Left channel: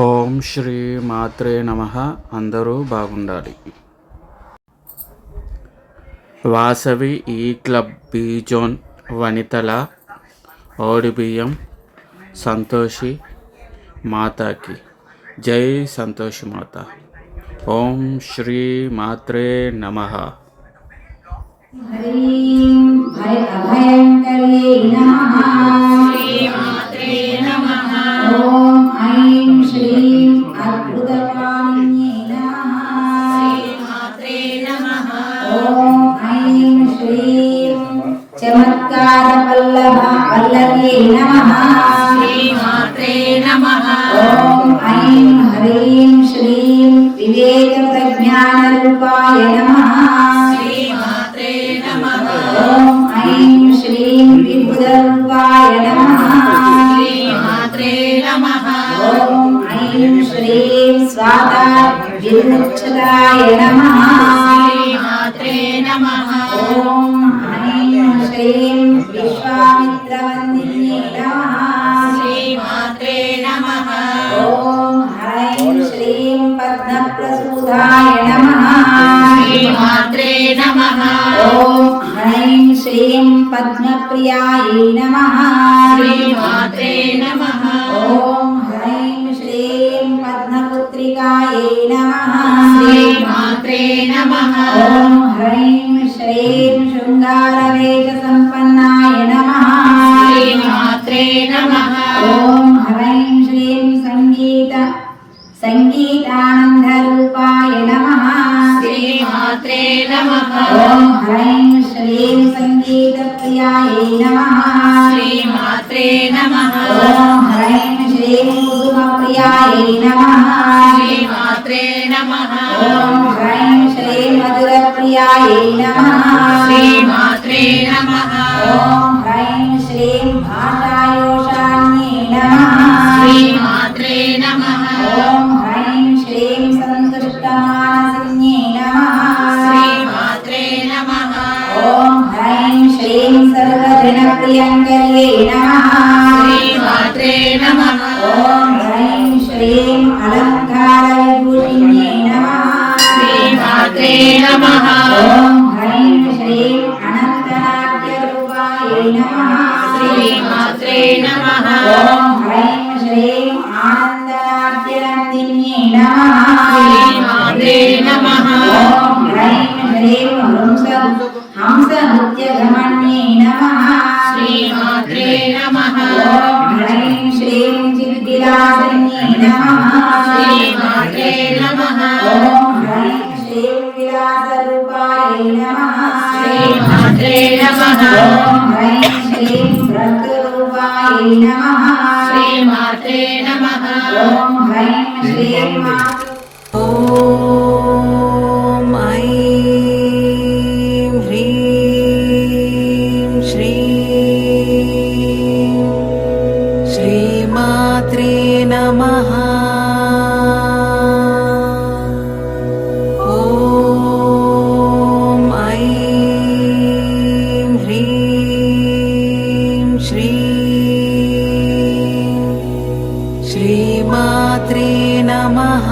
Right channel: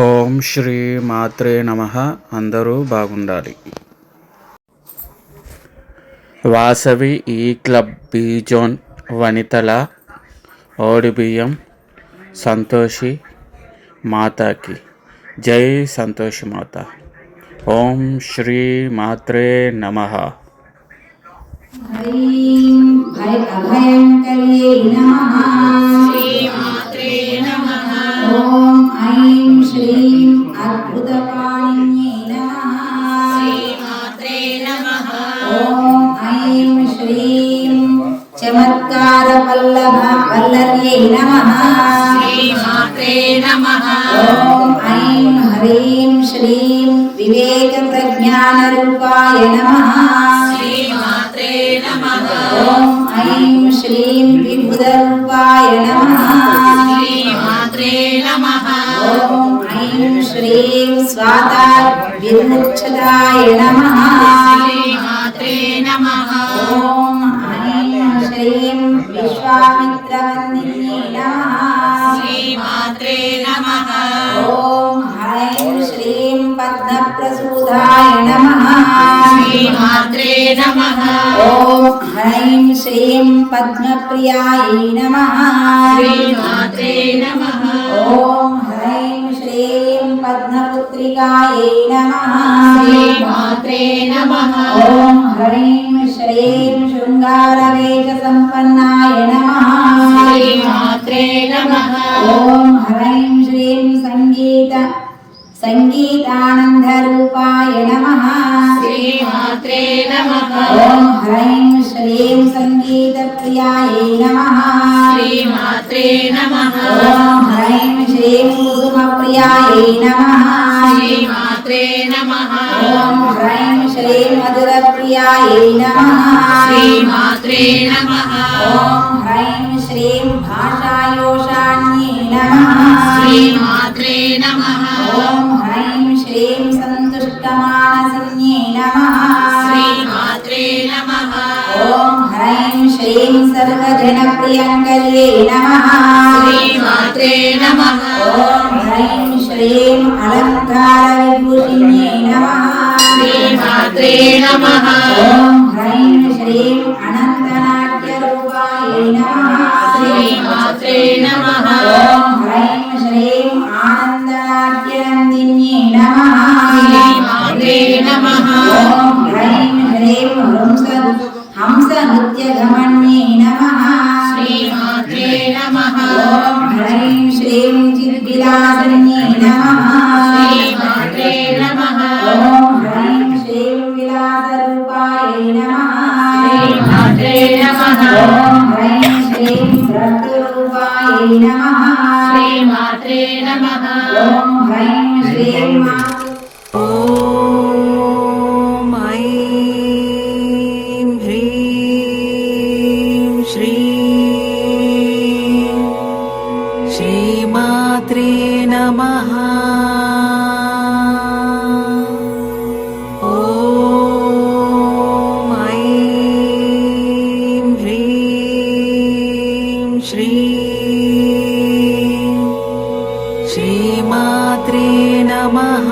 ఓం శ్రీ మాత్రే నమ. అందరూ బాగుండాలి. వాసవి ఈ క్లబ్ బీ జోన్ వనితల ఓడిబియ్యం సంతోషి మాతాకి. జై సంతోషి మాత. ఓం శ్రీ మాత్రే నమ. హ్రీం భయ అభయంకర్యై నమః. ఓం ఓం ఐం శ్రీం చమత్కారవల్లభ వల్లభ్యై నమః. ఓం ఐం హ్రీం శ్రీం వివేకప్రజ్ఞానరూపాయ నమః. ఓం ఐం శ్రీం విబుధరూపాయ నమః. ఓం ఐం శ్రీం స్వాతా విముక్షదాయ నమః. విశ్వామిత్రవందిన్యై నమః ఓం హ్రైం శ్రీం పద్మప్రసూదాయ నమః ఓం హ్రైం శ్రీం పద్మప్రియాయై నమః ఓం హ్రైం శ్రీం పద్మపుత్రికాయై నమః ఓం హ్రైం శ్రీం శృంగారవేష సంపన్నాయ నమః సంగీతప్రియాయై నమః ఓం హ్రైం శ్రీం కుసుమప్రియాయై నమః ఓం హ్రైం శ్రీం మధురప్రియాయై నమః ఓం హ్రైం శ్రీం సర్వజనప్రియంకర్యై నమః. ఓం హ్రైం శ్రీం అలంకార విభూషిణ్యై నమః. ఓం హ్రైం శ్రీం అనంతనాట్యరూపాయై నమః. ఓం హ్రైం శ్రీం ఆనందనాట్యనందిన్యై హంస నృత్యగమన్యై నమః. ఓం హ్రైం శ్రీం చిద్విలాసిన్యై నమః. ఓం హ్రైం శ్రీం విలాసరూపాయై నమః. ఓం హ్రైం శ్రీం భ్రతరూపాయై నమః. ఓం హ్రైం శ్రీం श्रीगुरुपरब्रह्मणे नमः ॐ ऐं ह्रीं श्रीं श्रीमात्रे नमः